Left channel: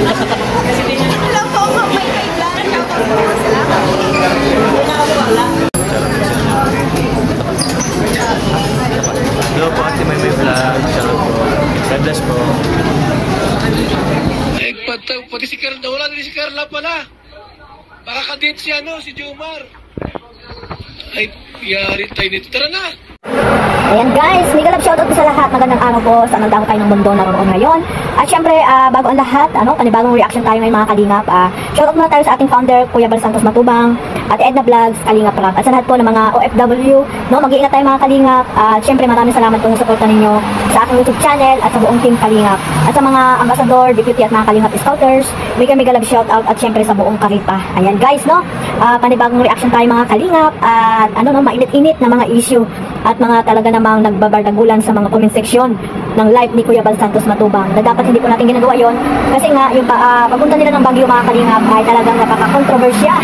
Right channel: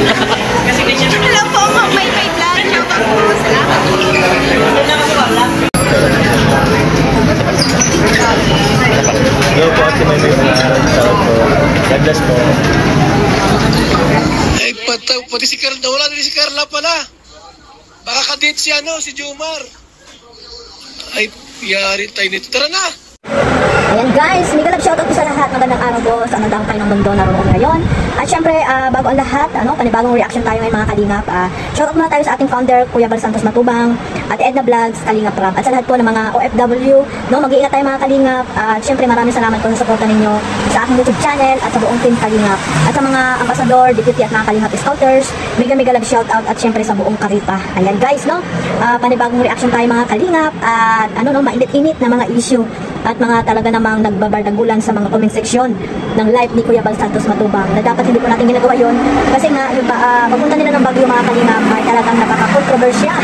Hello po, may vlog. Shoutout po. Salamat. Hello po, si may vlog. Shoutout po. God bless po. Ay, pati si Carla. Wala din si Carla pala. Baka kadate si si Jomar. Ay, yari tayo nito. Tara na! Ayan guys, mega love shoutout po sa lahat. Magandang araw po sa anong damo kayo ng mundo naroon ngayon. At syempre, bago ang lahat, panibagong reaction tayo ngayon mga kalingap. Shoutout muna tayo sa ating founder, Kuya Bal Santos Matubang, at Edna Vlogs, Kalingap Rap. At sa lahat po ng mga OFW, mag-iingat tayo mga kalingap. At syempre, maraming salamat po sa suporta ninyo sa aking YouTube channel at sa buong team Kalingap. At sa mga ambassador, deputy at mga Kalingap scouters, mega love shoutout at syempre sa buong Karita. Ayan guys, panibagong reaction tayo mga kalingap. At mainit-init na mga issue at mga talaga namang nagbabardagulan sa mga comment section ng live ni Kuya Bal Santos Matubang na dapat hindi po natin ginagawa yon kasi nga yung pagpunta nila ng Baguio mga kalingap ay talagang napaka-controversial.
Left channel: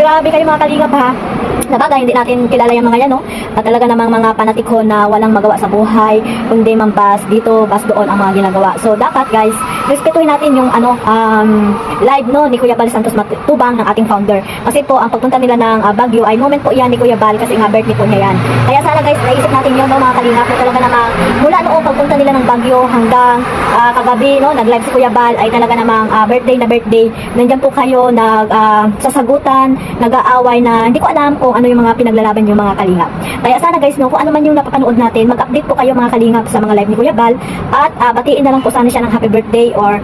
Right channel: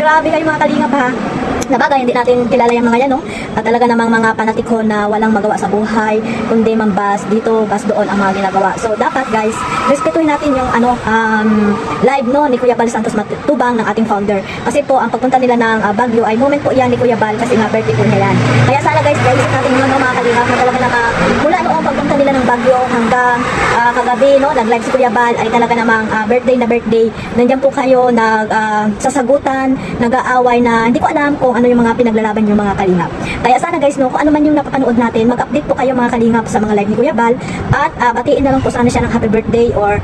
Grabe kayo mga kalingap ha. Nabagay, hindi natin kilala yung mga yan, at talaga namang mga panatikon na walang magawa sa buhay, kundi mambas dito, bas doon ang mga ginagawa. So, dapat guys, respetuhin natin yung live ni Kuya Bal Santos Matubang ng ating founder. Kasi po, ang pagpunta nila ng Baguio ay moment po yan ni Kuya Bal kasi nga birthday po niya yan. Kaya sana guys, naisip natin yun, mga kalingap, na talaga namang mula noong pagpunta nila ng Baguio hanggang kagabi, nag-live si Kuya Bal ay talaga namang birthday na birthday. Nandiyan po kayo sasagutan, nag-aaway na hindi ko alam kung ano yung mga pinaglalaban yung mga kalingap. Kaya sana guys, kung ano man yung napapanood natin, mag-update po kayo mga kalingap sa mga live ni Kuya Bal at batiin na lang po sana siya ng happy birthday or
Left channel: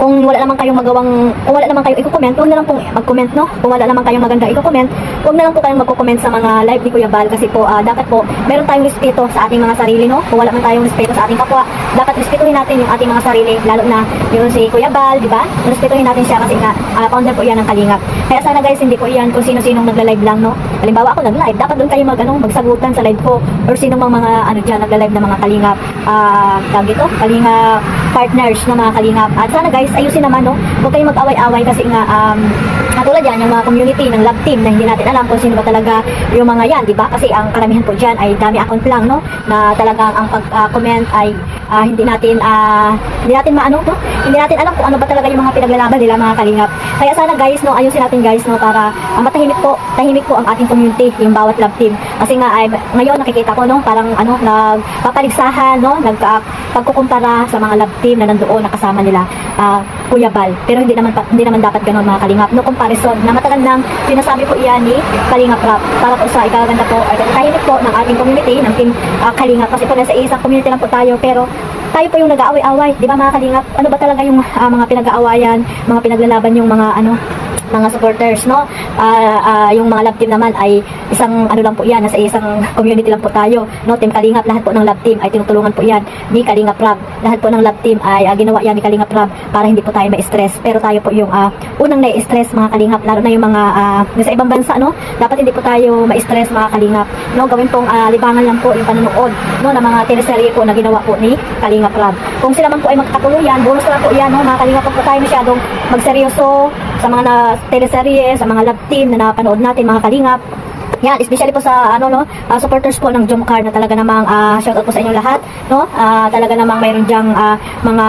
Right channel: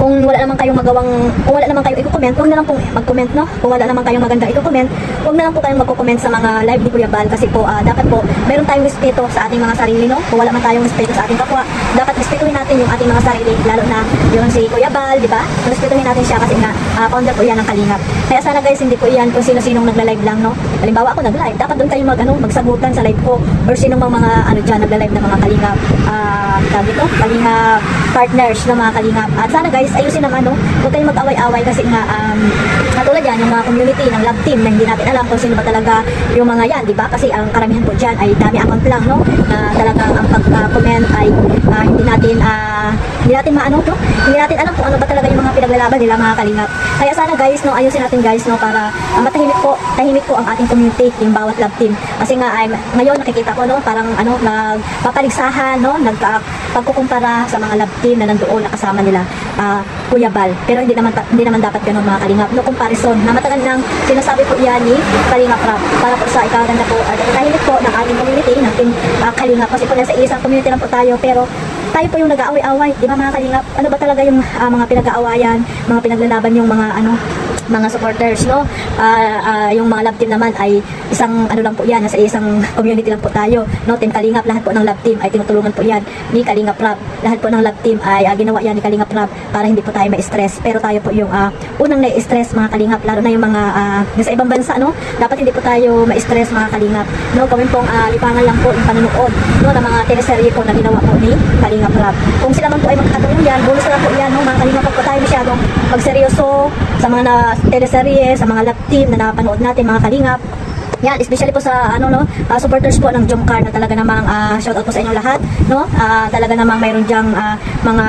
kung wala naman kayong kung wala naman kayong i-comment, huwag na lang pong mag-comment, Kung wala naman kayong maganda i-comment, huwag na lang po kayong mag-comment sa mga live ni Kuya Bal kasi po, dapat po, meron tayong respeto sa ating mga sarili, Kung wala man tayong respeto sa ating kapwa, dapat respetuhin natin ang ating mga sarili, lalo na yung si Kuya Bal, di ba? Respetuhin natin siya kasi nga, founder po yan ng Kalingap. Kaya sana guys, hindi po yan kung sino-sinong nagla-live lang, Halimbawa ako nag-live, dapat doon kayo magsagutan sa live ko or sino mang mga dyan nagla-live na mga Kalingap, Kalingap partners ng mga Kalingap. At sana guys, ayusin naman, huwag kayong mag-away-away kasi nga, natulad yan, yung mga community ng love team na hindi natin alam kung sino ba talaga yung mga yan, di ba? Kasi ang karamihan po dyan ay dami account lang, na talagang ang pag-comment ay hindi natin alam kung ano ba talaga yung mga pinaglalaban nila mga Kalingap. Kaya sana guys, ayusin natin guys, para tahimik po ang ating community, yung bawat love team. Kasi nga, ngayon nakikita ko, parang nagpapaligsahan, pagkukumpara sa mga love team na nandoon, nakasama nila Kuya Bal. Pero hindi naman dapat ganun mga Kalingap. No comparison. Na matagal nang sinasabi po iyan ni Kalingap Rap para po sa ikaganda po at tahimik po ng ating community, ng team Kalingap. Kasi po nasa isang community lang po tayo, pero tayo po yung nag-aaway-away. Di ba mga Kalingap? Ano ba talaga yung mga pinag-aawayan, mga pinaglalaban yung mga supporters, yung mga love team naman ay isang lang po yan, nasa isang community lang po tayo, Team Kalingap, lahat po ng love team ay tinutulungan po yan ni Kalingap Rap. Lahat po ng love team ay ginawa yan ni Kalingap Rap para hindi po tayo ma-stress. Pero tayo po yung unang na-stress mga Kalingap, lalo na yung mga nasa ibang bansa, dapat hindi po tayo ma-stress mga Kalingap, gawin pong libangan lang po yung panonood, ng mga teleserye po na ginawa po ni Kalingap Rap. Kung sila man po ay magkatuluyan, bonus na po yan, mga Kalingap, po tayo masyadong magseryoso sa mga teleserye, sa mga love team na napanood natin mga Kalingap. Yan, especially po sa supporters po ng Jomcar na talaga namang shoutout po sa inyong lahat, talaga namang mayroon diyang mga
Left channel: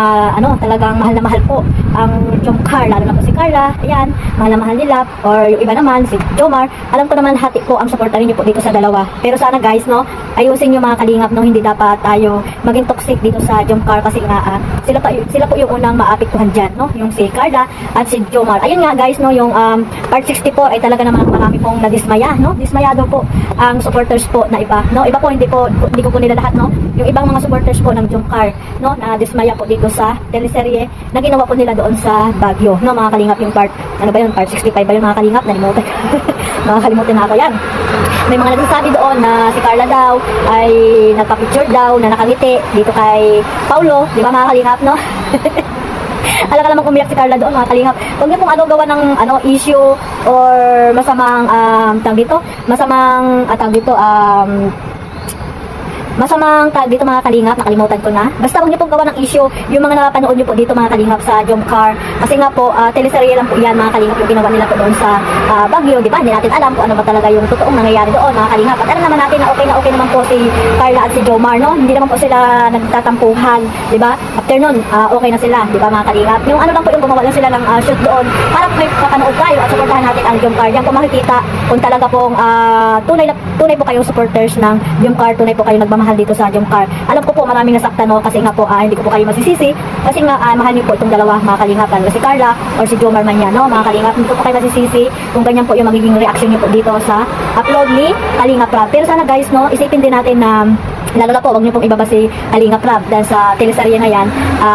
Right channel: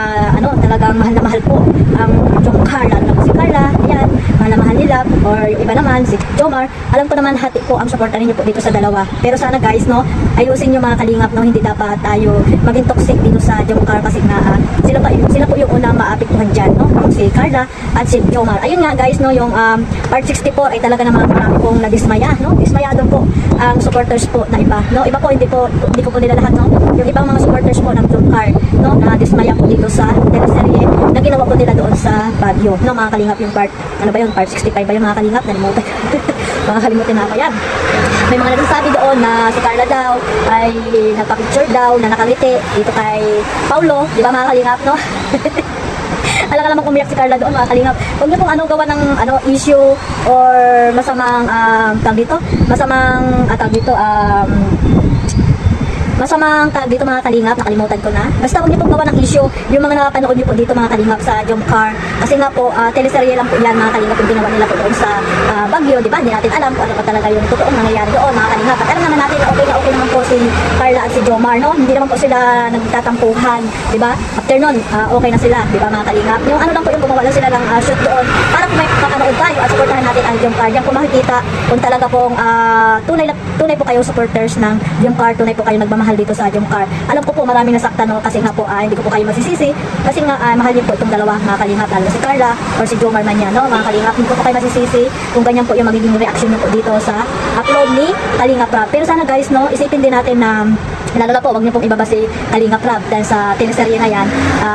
talagang mahal na mahal po ang Jomcar, lalo na po si Carla. Ayan, mahal na mahal nila, or yung iba naman si Jomar. Alam ko naman hati po ang suporta niyo po dito sa dalawa. Pero sana guys, ayusin niyo mga Kalingap, hindi dapat tayo maging toxic dito sa Jomcar kasi nga sila po yung unang maapektuhan diyan, yung si Carla at si Jomar. Ayun nga guys, yung part 64 ay talaga namang marami pong nadismaya, dismayado po ang supporters po na iba, iba po hindi ko po nila lahat, yung ibang mga supporters po ng Jomcar, na dismaya po dito sa teleserye na ginawa po nila doon sa Baguio, mga Kalingap, yung part, part 65 ba yung mga Kalingap, nalimutan. Makakalimutin na ako yan. May mga nagsasabi doon na si Carla daw ay nagpa-picture daw na nakangiti dito kay Paulo, di ba mga Kalingap, Alam ka naman umiyak si Carla doon mga Kalingap. Huwag niyo pong gawa ng issue or masamang masamang tag dito mga kalingap, nakalimutan ko na. Basta huwag niyo pong gawa ng issue yung mga napanood niyo po dito mga kalingap sa Jomcar. Kasi nga po, teleserye lang po yan mga kalingap yung ginawa nila po doon sa Baguio, di ba? Hindi natin alam kung ano ba talaga yung totoong nangyayari doon mga kalingap. At alam naman natin na okay naman po si Carla at si Jomar, no? Hindi naman po sila nagtatampuhan, di ba? After nun, okay na sila, di ba mga kalingap? Yung ano lang po yung gumawa lang sila ng shoot doon para po may kapanood tayo at supportahan natin ang Jomcar. Diyan po makikita kung talaga pong tunay po kayong supporters ng Jomcar, tunay po kayong nagmamahal dito sa Jomcar. Alam ko po maraming nasaktan, no? Kasi nga po hindi ko po kayo masisisi kasi nga mahal niyo po itong dalawa mga kalingap, lalo si Carla or si Jomar man yan, no? Mga kalingap, hindi ko po kayo masisisi kung ganyan po yung magiging reaction niyo po dito sa upload ni Kalingap Rab. Pero sana guys, no, isipin din natin na lalo na po, wag niyo pong ibaba si Kalingap Rab dahil sa teleserye na yan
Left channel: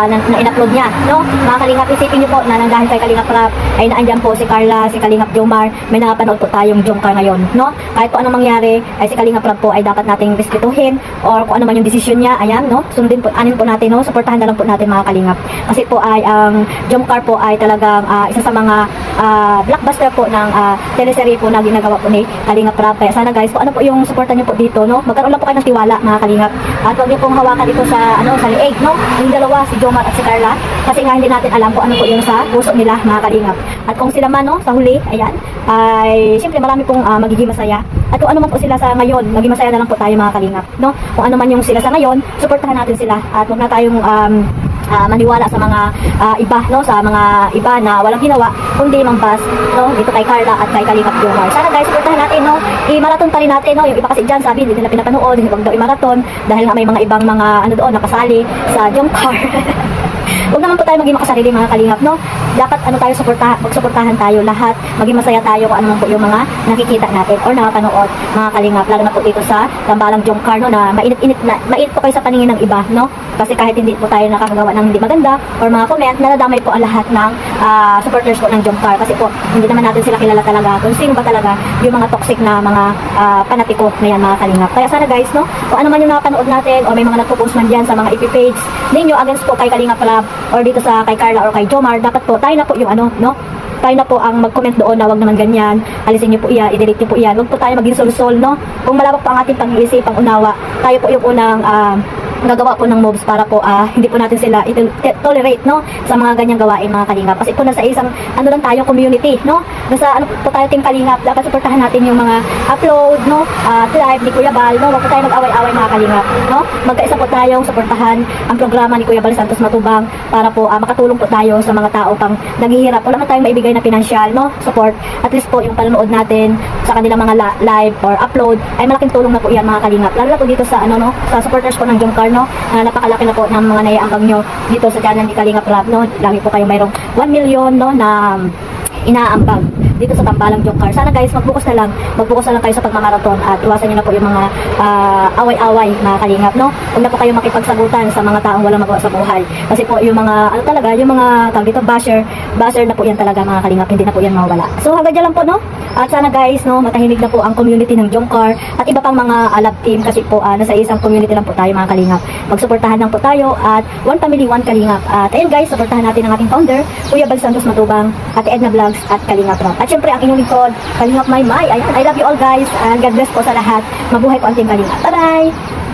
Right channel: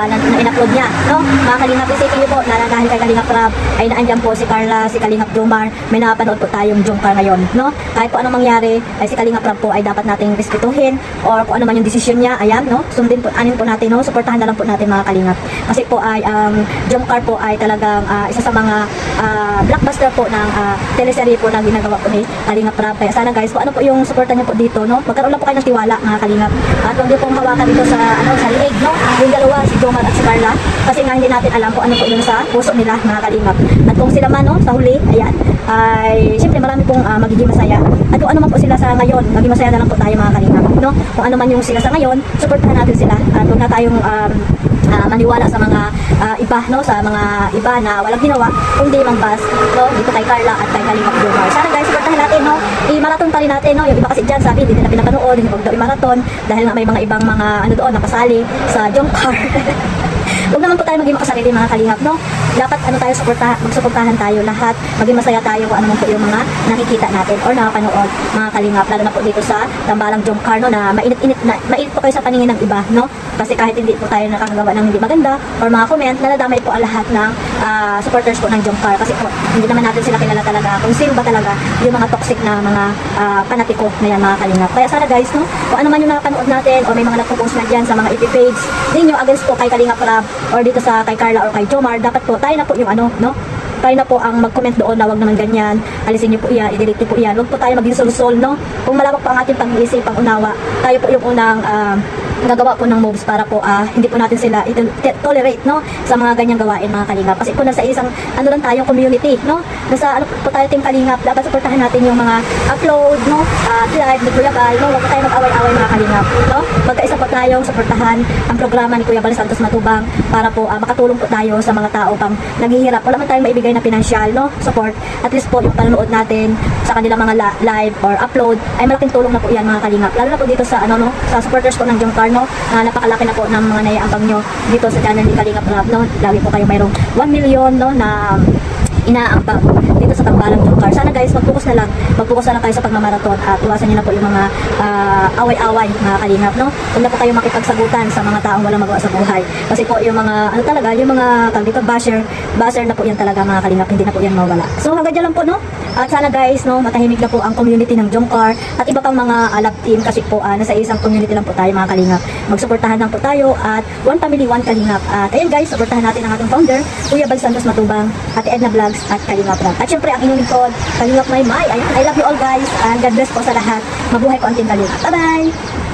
na in-upload niya, no? Mga kalingap, isipin niyo po na dahil kay Kalingap Rab ay naandyan po si Carla, si Kalingap Jomar, may napanood po tayong Jomcar ngayon, no? Kahit po anong mangyari, ay si Kalingap Rab po ay dapat nating respetuhin or kung ano man yung desisyon niya, ayan, no? Sundin po, anin po natin, no? Suportahan na lang po natin mga kalingap. Kasi po ay ang Jomcar po ay talagang isa sa mga blockbuster po ng teleserye po na ginagawa po ni Kalingap Rab. Kaya sana guys, kung ano po yung suporta niyo po dito, no? Magkaroon lang po kayo ng tiwala mga kalingap. At huwag niyo pong hawakan dito sa sa leeg, no? Yung dalawa, si Jomar at si Carla. Kasi nga hindi natin alam kung ano po yung sa puso nila mga kalingap. At kung sila man, no, sa huli, ayan, ay siyempre marami pong magiging masaya. At kung ano man po sila sa ngayon, maging masaya na lang po tayo mga kalingap, no? Kung ano man yung sila sa ngayon, suportahan natin sila. At huwag na tayong maniwala sa mga iba, no, sa mga iba na walang ginawa kundi mangpas, no, dito kay Carla at kay Kalingap Jomar. Sana guys, supportahan natin, no, i-marathon pa rin natin, no. Yung iba kasi dyan sabi hindi nila pinapanood, hindi daw i-marathon dahil nga may mga ibang mga ano doon nakasali sa Jomcar. Huwag naman po tayo maging makasarili mga kalingap, no? Dapat ano tayo, magsuportahan tayo lahat, maging masaya tayo kung ano po yung mga nakikita natin or nakapanood mga kalingap, lalo na po dito sa tambalang Jomcar, no, na mainit po kayo sa paningin ng iba, no? Kasi kahit hindi po tayo nakakagawa ng hindi maganda or mga comment, naladamay po ang lahat ng supporters po ng Jomcar. Kasi po, hindi naman natin sila kilala talaga kung sino ba talaga yung mga toxic na mga panatiko na yan mga kalingap. Kaya sana guys, no, kung ano man yung nakapanood natin or may mga nagpo-post man dyan sa mga FB page ninyo against po kay Kalingap Rab or dito sa kay Carla or kay Jomar, dapat po tayo na po yung ano, no? Tayo na po ang mag-comment doon na wag naman ganyan, alisin niyo po iyan, i-delete niyo po iyan. Wag po tayo maging sul-sul, no? Kung malawak po ang ating pag-iisip, pang-unawa, tayo po yung unang gagawa po ng moves para po hindi po natin sila tolerate, no, sa mga ganyang gawain mga kalingap. Kasi po nasa isang ano lang tayong community, no, nasa ano po tayo team kalingap, dapat suportahan natin yung mga upload, no, live ni Kuya Bal, no, wag po tayo mag-away-away mga kalingap, no, magkaisa po tayong suportahan ang programa ni Kuya Bal Santos Matubang para po makatulong po tayo sa mga tao pang naghihirap. Wala man tayong maibigay na financial, no, support, at least po yung panonood natin sa kanilang mga live or upload ay malaking tulong na po yan mga kalingap, lalo na po dito sa ano, no, sa supporters po ng Jomcar, no, napakalaki na po ng mga naiambag nyo dito sa channel ni Kalingap Rab, no. Lagi po kayo mayroong 1 million, no, na inaambag dito sa tambalang Jomcar. Sana guys, mag-focus na lang kayo sa pagmamarathon at iwasan nyo na po yung mga away-away mga kalingap, no. Huwag na po kayo makipagsagutan sa mga taong walang magawa sa buhay. Kasi po yung mga ano talaga, yung mga dito basher na po yan talaga mga kalingap, hindi na po yan mawala. So hanggang dyan lang po, no. At sana guys, no, matahimik na po ang community ng Jomcar at iba pang mga love team kasi po nasa isang community lang po tayo mga kalingap. Magsuportahan lang po tayo at one family, one kalingap. At ayun guys, suportahan natin ang ating founder, Kuya Bal Santos Matubang, Ate Edna Vlogs at Kalingap Rab. At syempre ang inyong lingkod, Kalingap Maymay. Ayun, I love you all guys. God bless po sa lahat. Mabuhay po ang team Kalingap. Bye-bye!